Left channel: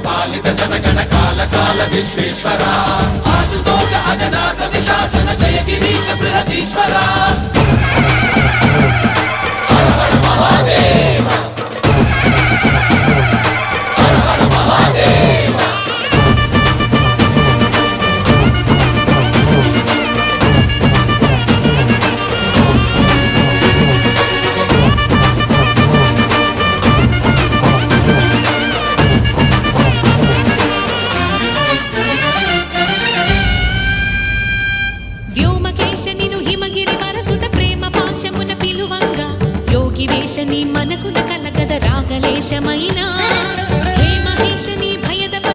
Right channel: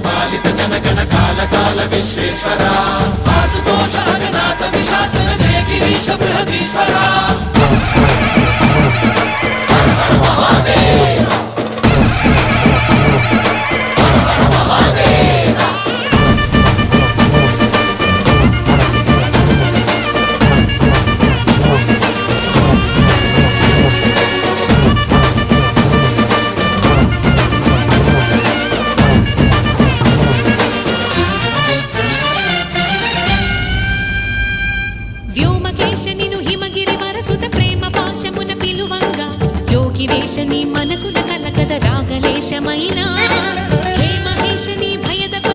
పాలిత జనగణ కాల కాల విశ్వేశ్వర ఆశుతోష అజనాశ విశాసన జయ గిరీశ బృహదీశ్వర హర హర మహాదేవ హర హర మహాదేవ వ్యోమకేశనిను హిమగిరి వరసుత ప్రేమ పాశమున పిలువంగా యోగి వేషని మనసున కలకద రాగలేశమైనా హే మహేశని భయద